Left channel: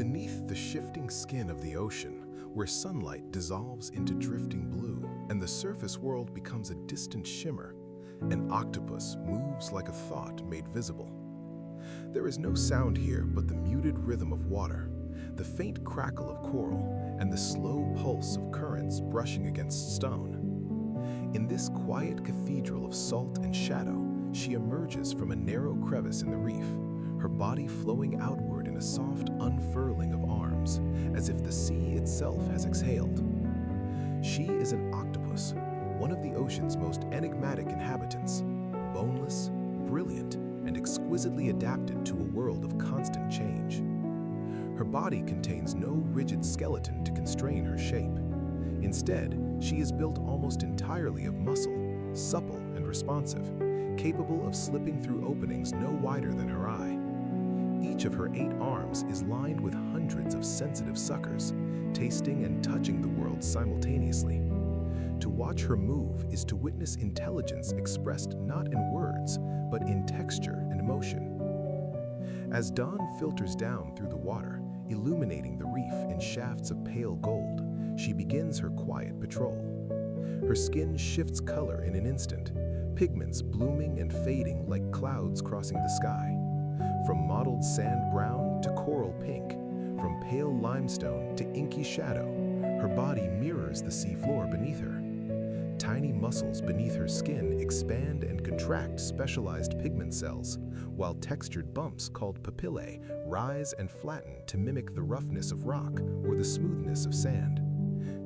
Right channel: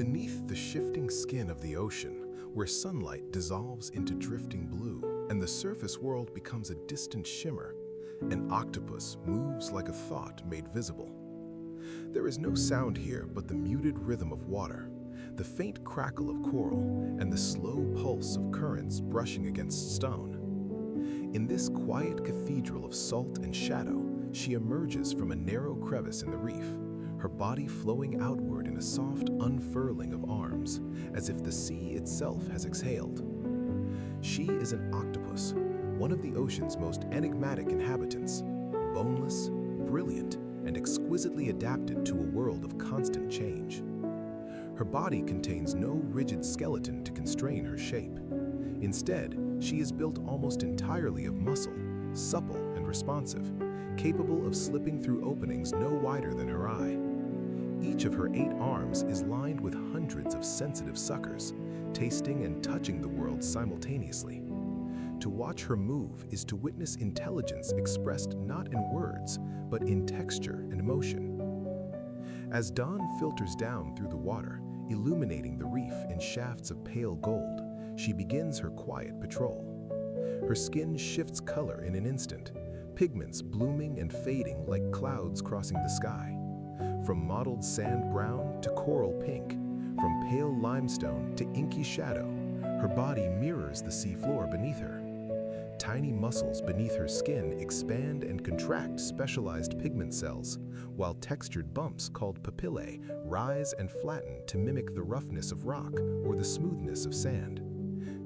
Beneath the shifting skin of the ocean, where sunlight dissolves into drifting blue and the surface world becomes a distant shimmer, an octopus moves like a thought made visible. There is no sound here but the muted rhythm of water, the faint crackle of coral, and the slow pulse of currents brushing against stone. In this quiet cathedral of salt and shadow, she emerges from a narrow crevice in the reef, her body flowing outward in a soft unfurling of arms, as if the sea itself has exhaled. She is an octopus, one of the ocean's most enigmatic inhabitants, boneless, brilliant, and exquisitely adapted to a world of constant change. Her body contains no rigid skeleton to constrain her shape. Instead, she is built almost entirely of muscle, supple and responsive, capable of slipping through openings no wider than her eye. Each of her 8 arms is lined with hundreds of sensitive suckers, tasting and touching the world simultaneously. To watch her move is to witness intelligence expressed not in words, but in texture and motion. As dawn filters down through the water, illuminating the reef in shafts of pale gold, she begins her quiet patrol. Her skin shifts color in an instant, pigments blooming and fading like clouds crossing the sky. From mottled sand brown to coral pink, from pale limestone to inky shadow, her body mirrors the seafloor beneath her. Tiny muscles beneath her skin expand and contract specialized pigment cells, while textured bumps called papillae rise and flatten to mimic the roughness of rock or the smoothness of sand.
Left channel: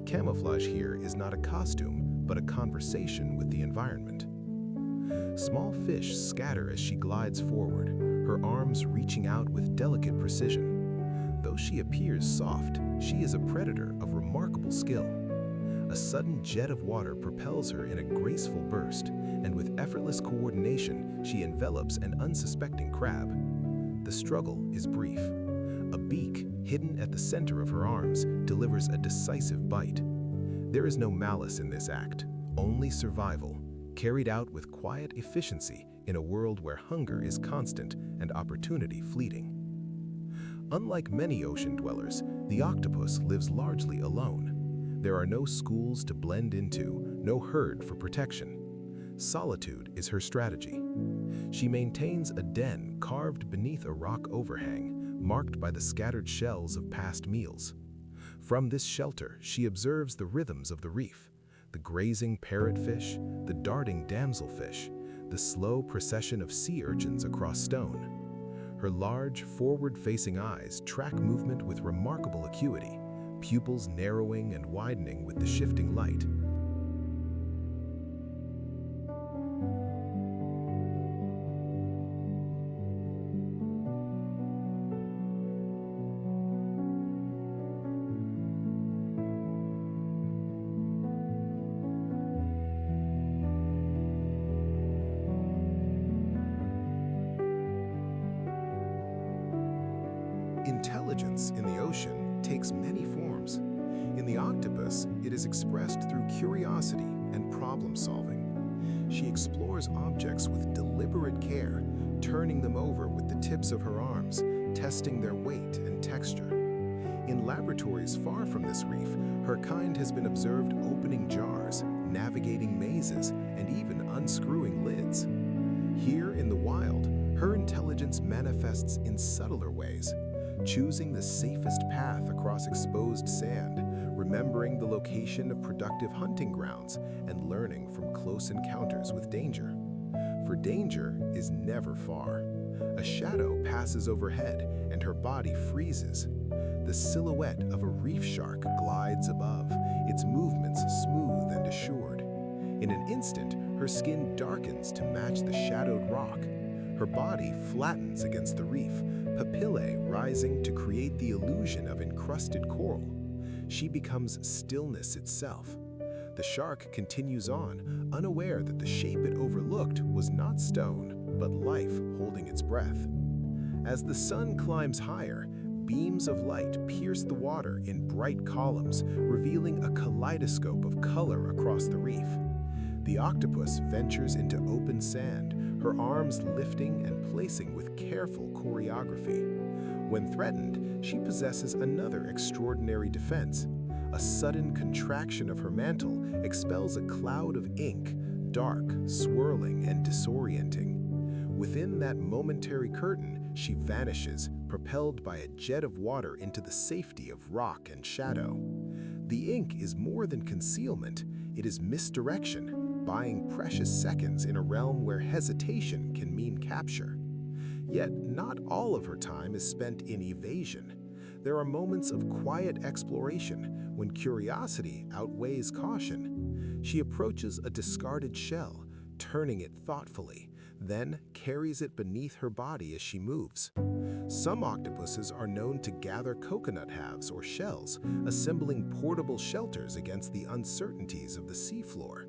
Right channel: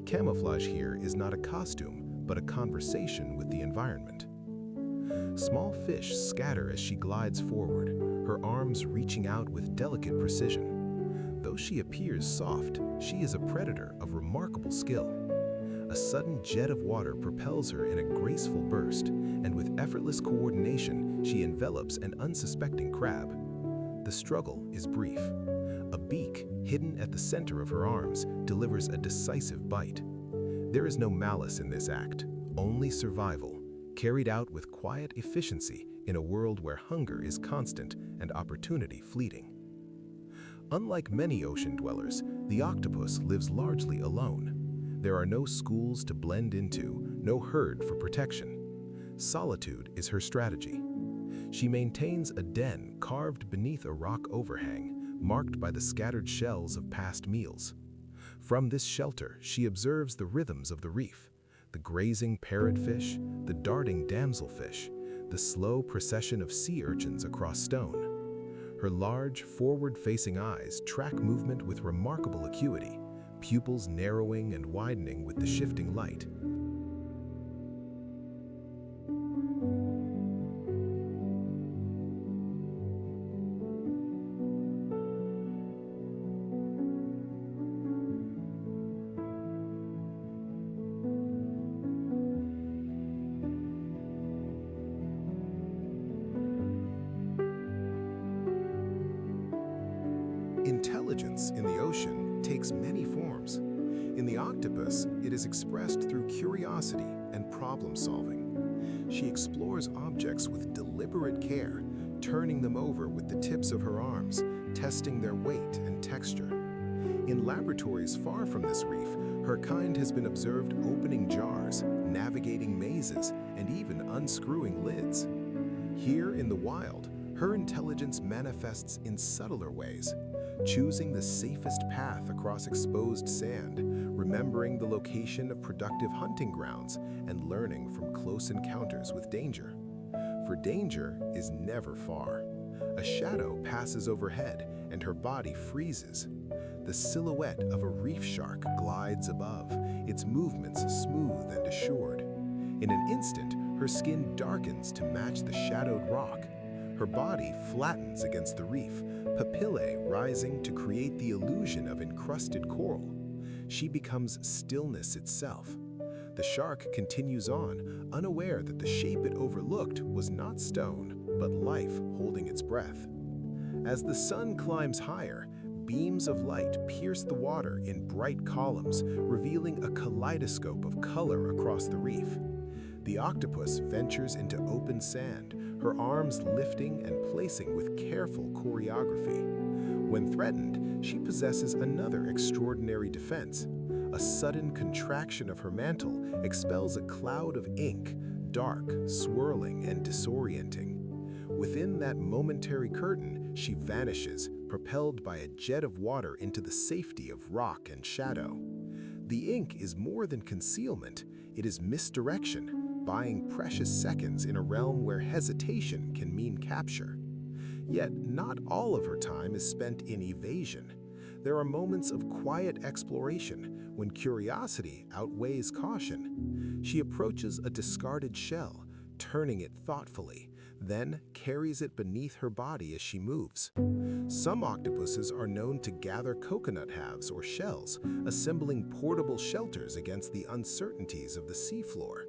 Camouflage here is not a costume, but a conversation with the environment. Small fish scatter as she glides forward, her arms reaching out with delicate precision. Though she appears soft, she is a predator of remarkable skill. A sudden jet of water propels her in a graceful burst, and with effortless coordination, she envelops an unsuspecting crab. The struggle is brief. A beak, hidden at the center of her arms, delivers a decisive bite. There is no malice in this act, only survival, carried out with quiet efficiency in a world where hunger is constant and opportunity fleeting. Unlike many ocean dwellers, the octopus lives largely alone. There are no schools to blend into, no herd for protection. Solitude is her strategy. She maintains a den carved beneath a rock overhang, marked by the scattered shells of past meals. From this shelter, she observes the rhythms of the reef, the grazing parrotfish, the darting damselfish, the slow procession of sea urchins across stone. Her large, forward-facing eyes track movement with remarkable acuity, pupils narrowing and widening with the shifting light. Intelligence in the ocean takes many forms. In the octopus, it is expressed through curiosity and problem-solving. She explores objects with deliberate care, turning them over with the tips of her arms, testing their weight and texture. In laboratories far from this reef, her kind has been observed opening jars, navigating mazes, and even unscrewing lids. Here in the wild, her intelligence manifests in subtler ways, choosing the safest path across exposed sand, remembering the location of productive hunting grounds, and learning from close encounters with danger. For danger is never far. A shadow passes overhead, and her body freezes. The silhouette of a reef shark glides above, its movements smooth and assured. In an instant, her skin darkens to match the shadowed rock. Her body flattens against the reef, papillae rising to create the illusion of encrusted coral. She becomes stillness itself. The shark continues on, unaware that the shape it overlooked was not stone, but life holding its breath. As the sun climbs higher, beams of light pierce the water in bright columns, revealing a kaleidoscope of color across the reef. The octopus ventures into open sand, her arms lifting and placing with careful choreography. When threatened, she possesses another extraordinary defense. A sudden contraction of her mantle expels a cloud of ink, dark, swirling, and disorienting. Within that momentary curtain, she vanishes, propelled by a jet of water into the safety of rock and shadow. The ink is more than concealment, it is misdirection, buying precious seconds in a realm where hesitation can mean capture. Yet, not all of her time is spent in evasion. There are moments of quiet exploration when curiosity outweighs caution. She approaches a discarded shell, turning it thoughtfully, then carries it beneath her body as she moves. Some octopuses are known to gather coconut halves or shells, assembling portable shelters against the uncertainties of the seafloor.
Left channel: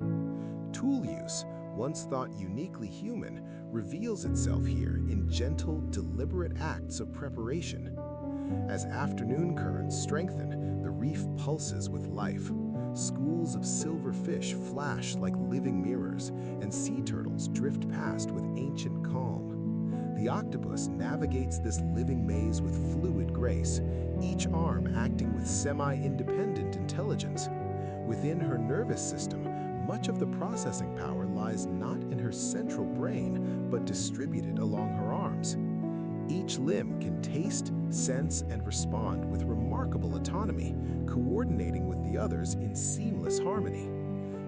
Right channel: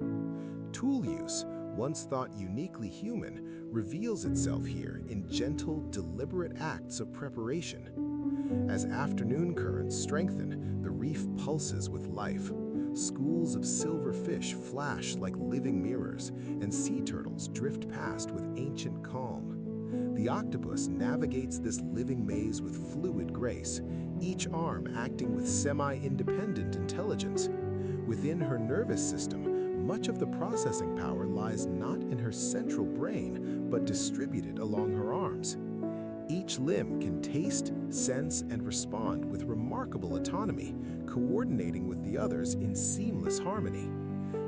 Tool use, once thought uniquely human, reveals itself here in gentle, deliberate acts of preparation. As afternoon currents strengthen, the reef pulses with life. Schools of silver fish flash like living mirrors, and sea turtles drift past with ancient calm. The octopus navigates this living maze with fluid grace, each arm acting with semi-independent intelligence. Within her nervous system, much of the processing power lies not in her central brain, but distributed along her arms. Each limb can taste, sense, and respond with remarkable autonomy, coordinating with the others in seamless harmony.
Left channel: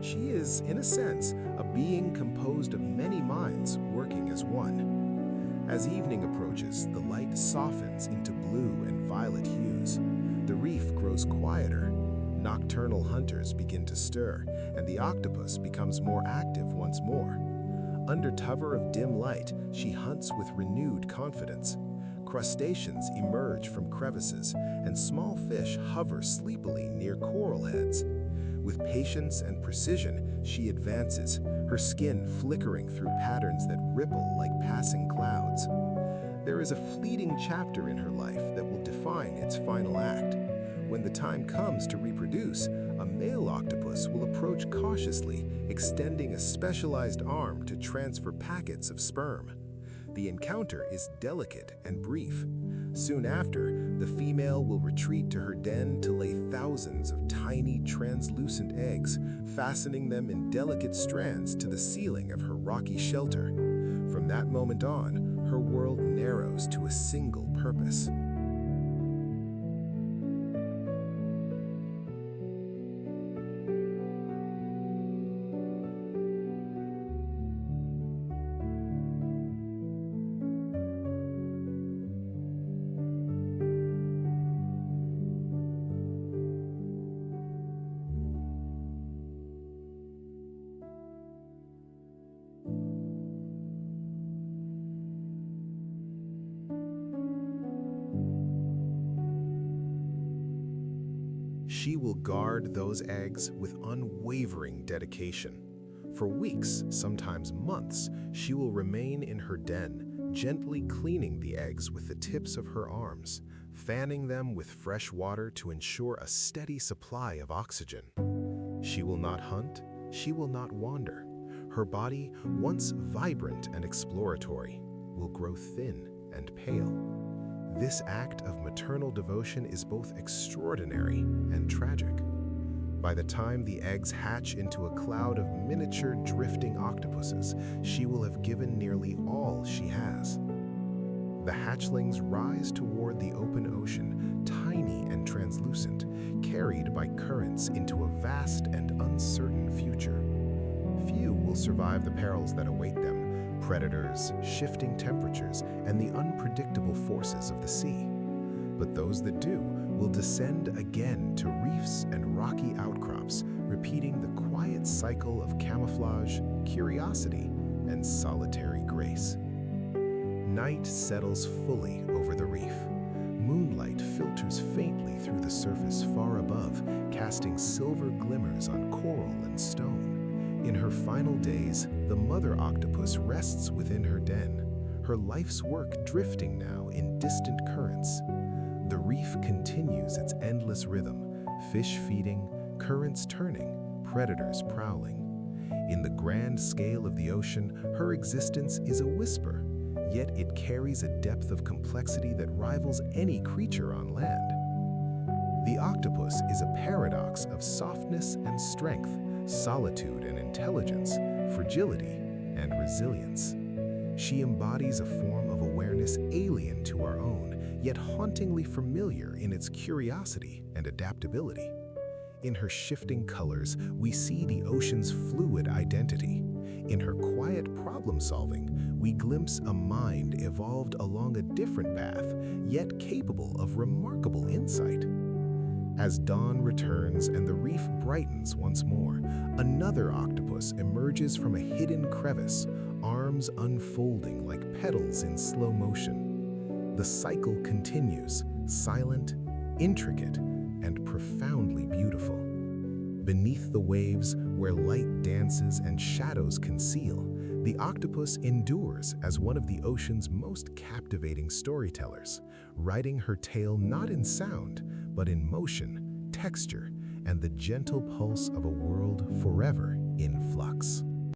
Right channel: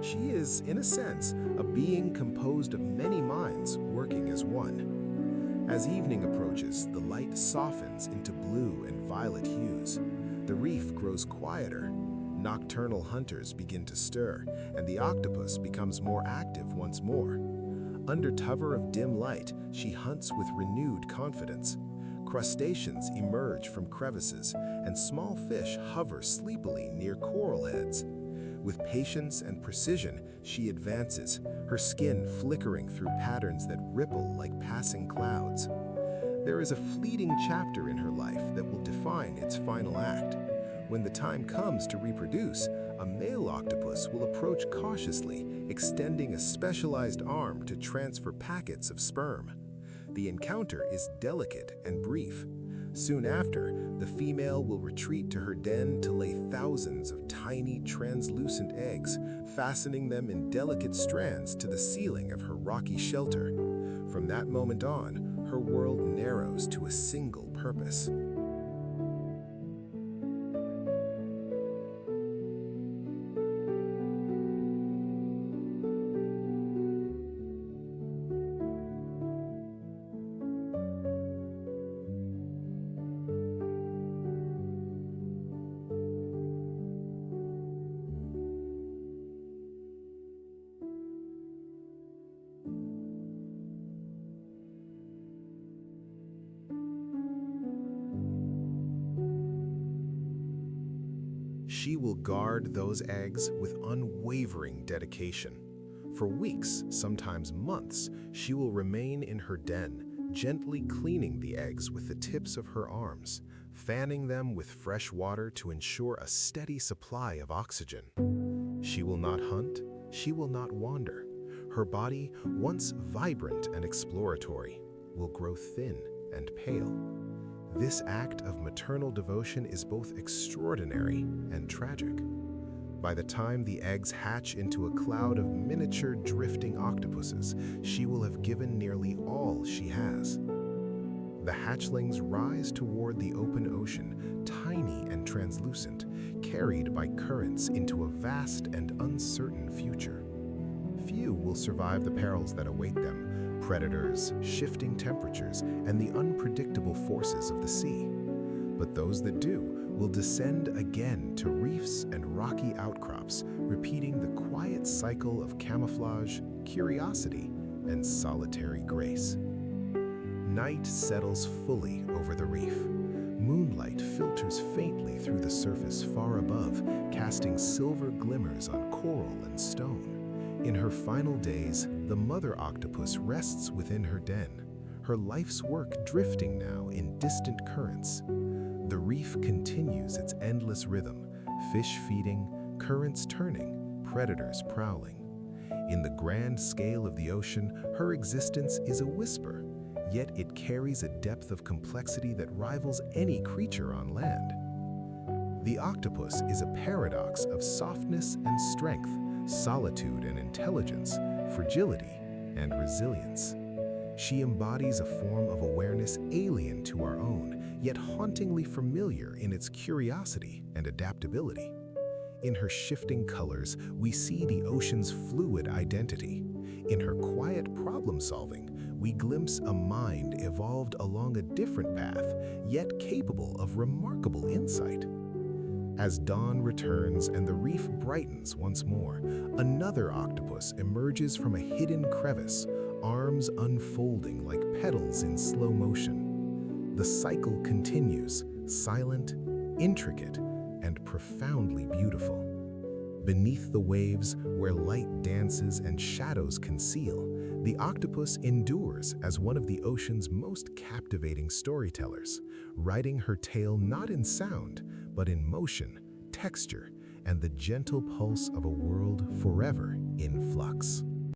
She is, in a sense, a being composed of many minds working as one. As evening approaches, the light softens into blue and violet hues. The reef grows quieter. Nocturnal hunters begin to stir, and the octopus becomes more active once more. Under cover of dim light, she hunts with renewed confidence. Crustaceans emerge from crevices, and small fish hover sleepily near coral heads. With patience and precision, she advances, her skin flickering through patterns that ripple like passing clouds. There is a fleeting chapter in her life that will define its final act. When the time comes to reproduce, a male octopus will approach cautiously, extending a specialized arm to transfer packets of sperm. The encounter is delicate and brief. Soon after, the female will retreat to her den to lay thousands of tiny, translucent eggs, fastening them in delicate strands to the ceiling of her rocky shelter. From that moment on, her world narrows to a single purpose. She will guard those eggs with unwavering dedication. For weeks, sometimes months, she will remain in her den, gently cleaning the eggs with the tips of her arms, fanning them with fresh water to ensure a steady supply of oxygen. She will not hunt, she will not wander. Her body, once vibrant and exploratory, will grow thin and pale. This act of maternal devotion is both extraordinary and tragic. By the time the eggs hatch into a cloud of miniature drifting octopuses, she will have given nearly all she has. The hatchlings rise toward the open ocean, tiny and translucent, carried by currents into a vast and uncertain future. Few will survive the perils that await them: predators, shifting temperatures, and the unpredictable forces of the sea. But those that do will descend again to reefs and rocky outcrops, repeating the quiet cycle of camouflage, curiosity, and solitary grace. Night settles fully over the reef. Moonlight filters faintly through the surface far above, casting silver glimmers on coral and stone. In her final days, the mother octopus rests within her den, her life's work drifting now in distant currents. The reef continues its endless rhythm, fish feeding, currents turning, predators prowling. In the grand scale of the ocean, her existence is a whisper, yet it carries a depth of complexity that rivals any creature on land. The octopus is a paradox of softness and strength, solitude and intelligence, fragility and resilience. She embodies a form of awareness alien to our own, yet hauntingly familiar in its curiosity and adaptability. In her shifting colors, we see the ocean's fluid identity. In her quiet problem-solving, we glimpse a mind evolved along a different path, yet capable of remarkable insight. As dawn returns and the reef brightens once more, another octopus emerges from a hidden crevice, arms unfolding like petals in slow motion. The cycle continues, silent, intricate, and profoundly beautiful. Beneath the waves, where light dances and shadows conceal, the octopus endures as one of the ocean's most captivating storytellers, writing her tale not in sound, but in motion, texture, and the gentle pulse of a world forever in flux.